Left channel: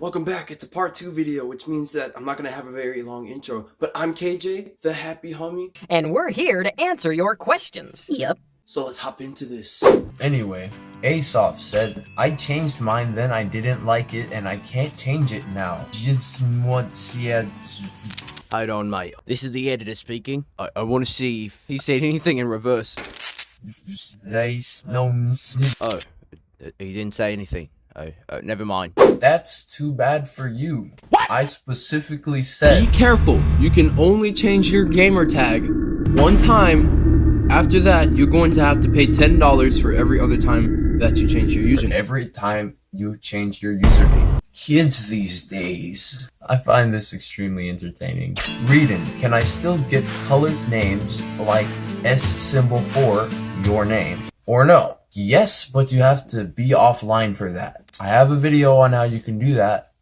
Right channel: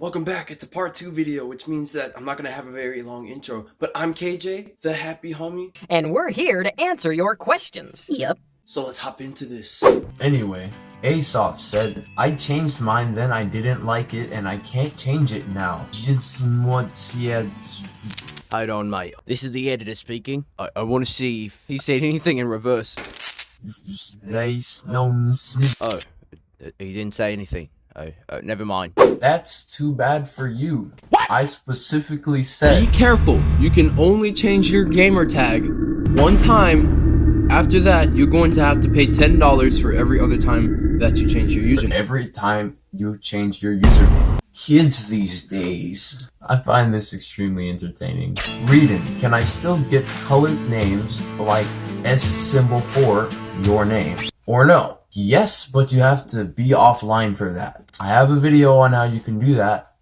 Welcome back. It's a part 2 video, which means that I'm not going to have a very long intro. But I'm KJ, the Happy Hummy. And we're here to answer your questions. Yep. So let's hop into this. Anyway, Aesop said, I changed mine then I didn't like it and I can't change it now. I don't, mate. This is the editor speaking. I want to see if he said anything in reverse. Oh, he didn't say anything. Oh, never mind. That's too bad for you. What? I specifically said... Be careful. You can only change your gamer tag one time. After that, you're going to have to pay $10 for every other time that you change your username. Every time you change your username. Kids these days. I find this extremely entertaining. Reading, can I still get colored names like S symbol for your name? Or no? Yes, but you have to be offline for that. I have a video on how you can do that.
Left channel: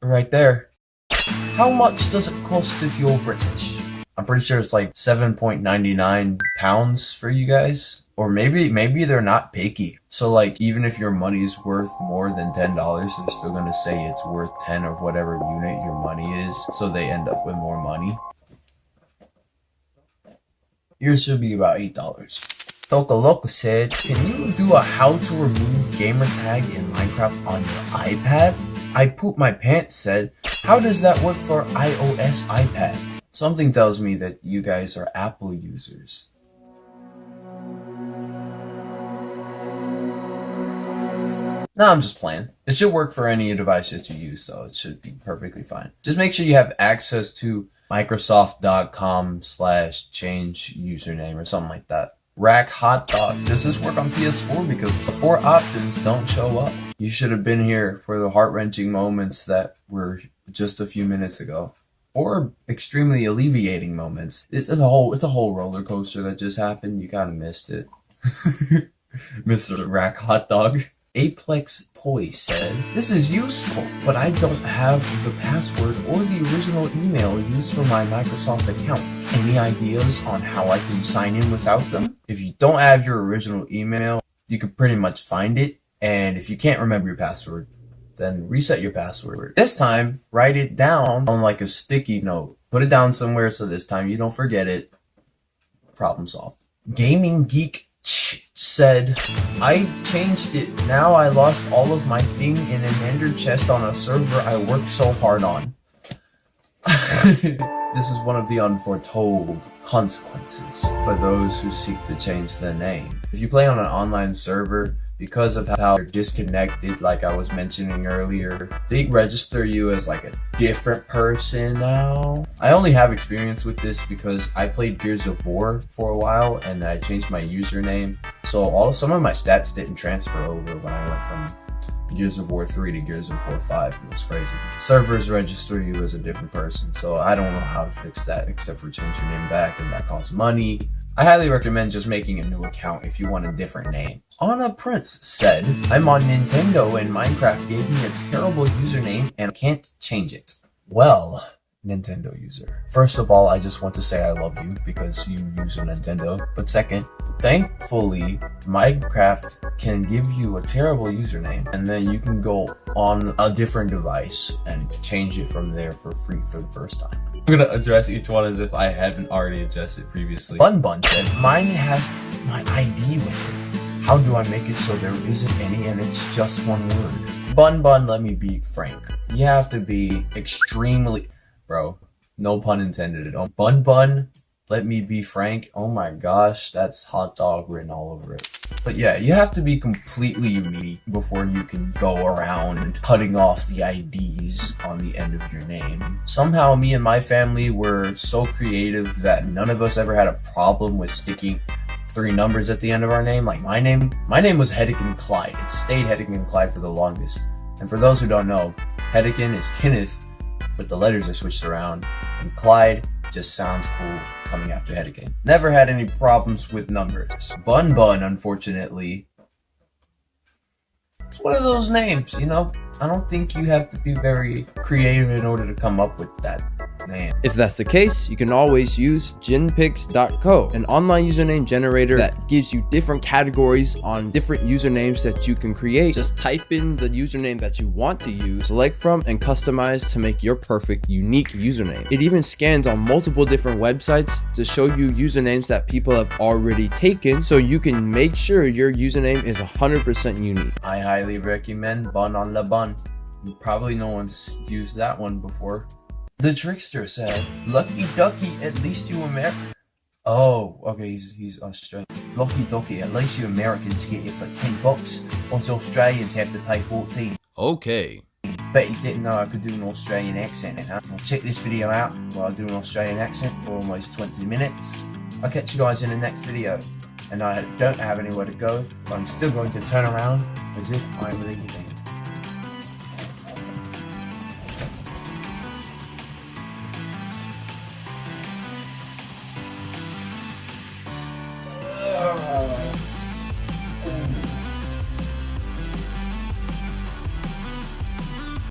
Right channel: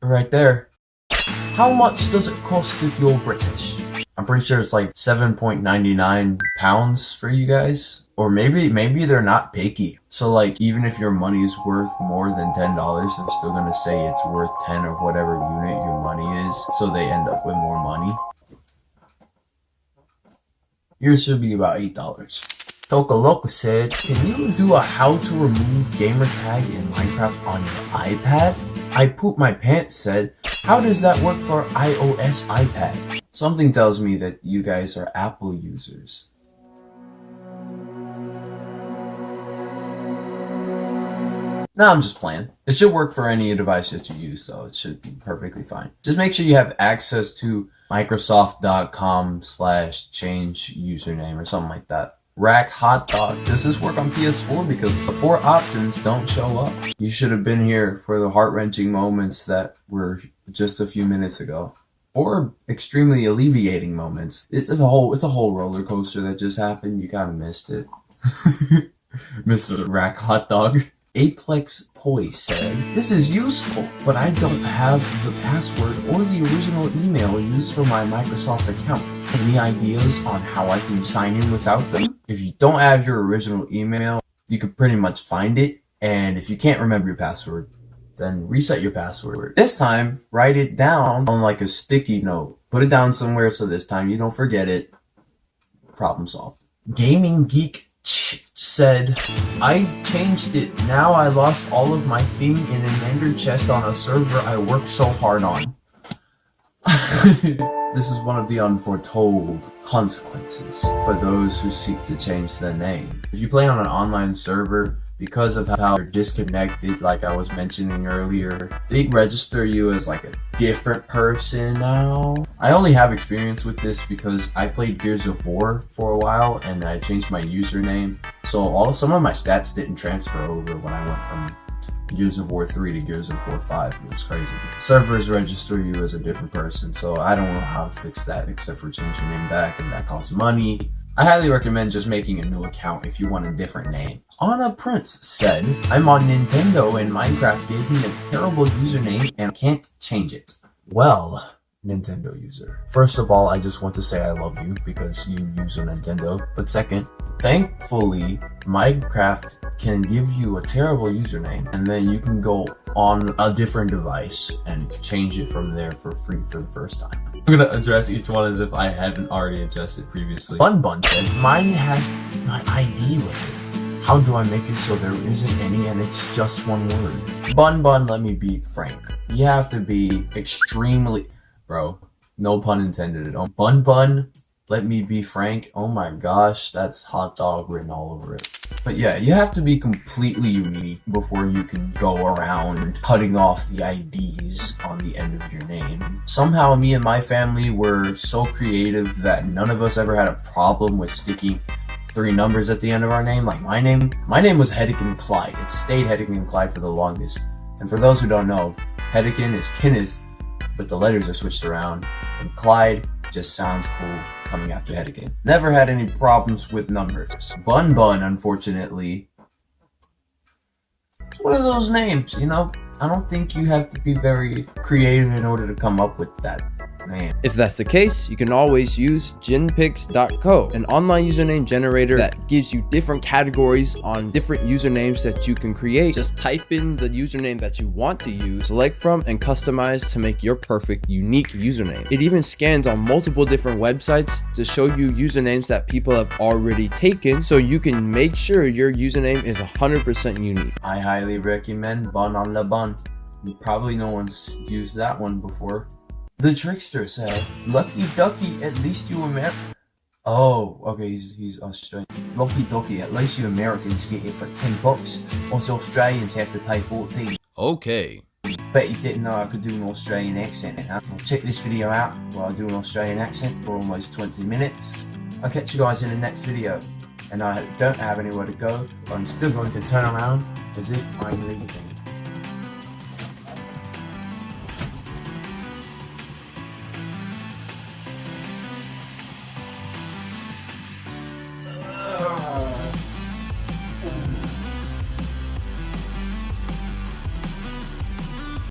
Right there. How much does it cost if you're British? I'm pretty sure it's like 7.99 pounds for you guys. Or maybe they're not picky. So like, even if your money is worth more than $10, they're still gonna say it's worth 10 or whatever unit your money is. So they end up with more money. Yours should be about $8. Tokaloco said, can you do a how to remove gamer tag in Minecraft on your iPad? I Poop My Pants said, how does that work for iOS iPad? Something tells me that you guys are Apple users. No, I'm just playing. It should work for any device that you use, so it should be perfectly fine. Just make sure you have access to Microsoft.com/change username or something like that. Rack Hot Dog. Does this work on PS4? Because the 4 options don't show up. You should have been here for the heart-wrenching moments that were just a few minutes ago. Or extremely alleviating moments. It's a whole roller coaster that just happened. You kinda missed it. Mr. Rack Hot Dog. Aplex Poi said, this is useful, but I don't have the password or the original email used for my Microsoft account. Any ideas on how I can sign in without them? If you don't have your original email, you can pretty much find it. And if you can't remember your password, then reset your password. This time, write it down on like a sticky note. Put it down somewhere so this time you don't forget it. Problem solved. Gaming Geek said, I changed it. Now I lost all of my thing in an ender chest on a server I worked so hard on. This is one of the unforetold consequences for those who seek to change their name. If you play on an online server, because of how you're disconnected, like I was mentioning earlier, they register you as like a different person now. I only have experience with this because I played Gears of War for a while and I changed my username. So some of my stats didn't transfer over when I went from Gears of War 3 to Gears of War 5. It was crazy. Servers register you as a different person, so I don't know how to fix that except for change your name back, and that costs money. I highly recommend just making a new account if you want a different name. Anna Prince said, I'm on Nintendo and Minecraft gave me a terrible username and I can't change it. Well, Nintendo user. First of all, I just want to say I love you because you use a Nintendo. But second, thankfully, Minecraft can give you a terrible username and then you can go on a different device and change it from there for free for the first time. I'm gonna address each one as if I hadn't already addressed it previously. Bun said, mine has my ID with it. How do I make it so there isn't any and it's just one word? Bun, let me be frank. You have to be extremely... Bro, no pun intended at all. Bun, let me be frank. Oh my gosh, that's hot dog written all over it. But yeah, you have to be completely unique before you can go around cutting off the IDs on the end of your name. Somehow me and my family were so creative that none of us ever had a problem with sticking 3 numbers at the end of our name. Like my name was Hedekin Clyde. It stayed Hedekin Clyde for the longest. And for those who don't know, Hedekin is Kenneth, but the letters are switched around. And Clyde just sounds cool coming after Hedekin. Never had any problems with numbers. Bun, unfortunately, it's one of those names, you know? I don't think you have to be very creative in order to come up with that name. If that's the case, you can always use genpix.co, an online username generator that gives you different categories on different usernames that you can create. Just type in the username that you want to use, select from, and customize to make your perfect unique username. It even scans on multiple different websites to show you usernames that people have already taken, so you can make sure your username is 100% unique. I highly recommend Bon on Le Bon. Probably no one's used that one before. The trickster said, "Lucky ducky, at least you American." Oh, okay, he's Australian. Lucky ducky, at least you Americans get it for $10. Us Australians have to pay 14. Okay. Bet you didn't know I could do an Australian accent, huh? Check this video out where I do an Australian accent for almost 20 minutes. I'll catch you guys in the next video. And I don't have anywhere to go, but I'm still going to turn around as if I'm leaving.